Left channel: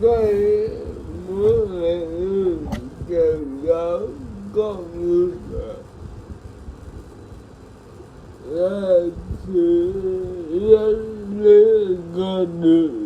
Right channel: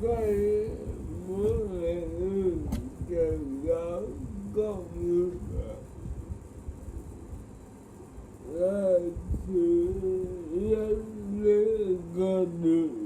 Tôi muốn là người càng giáo con người là sự rất con được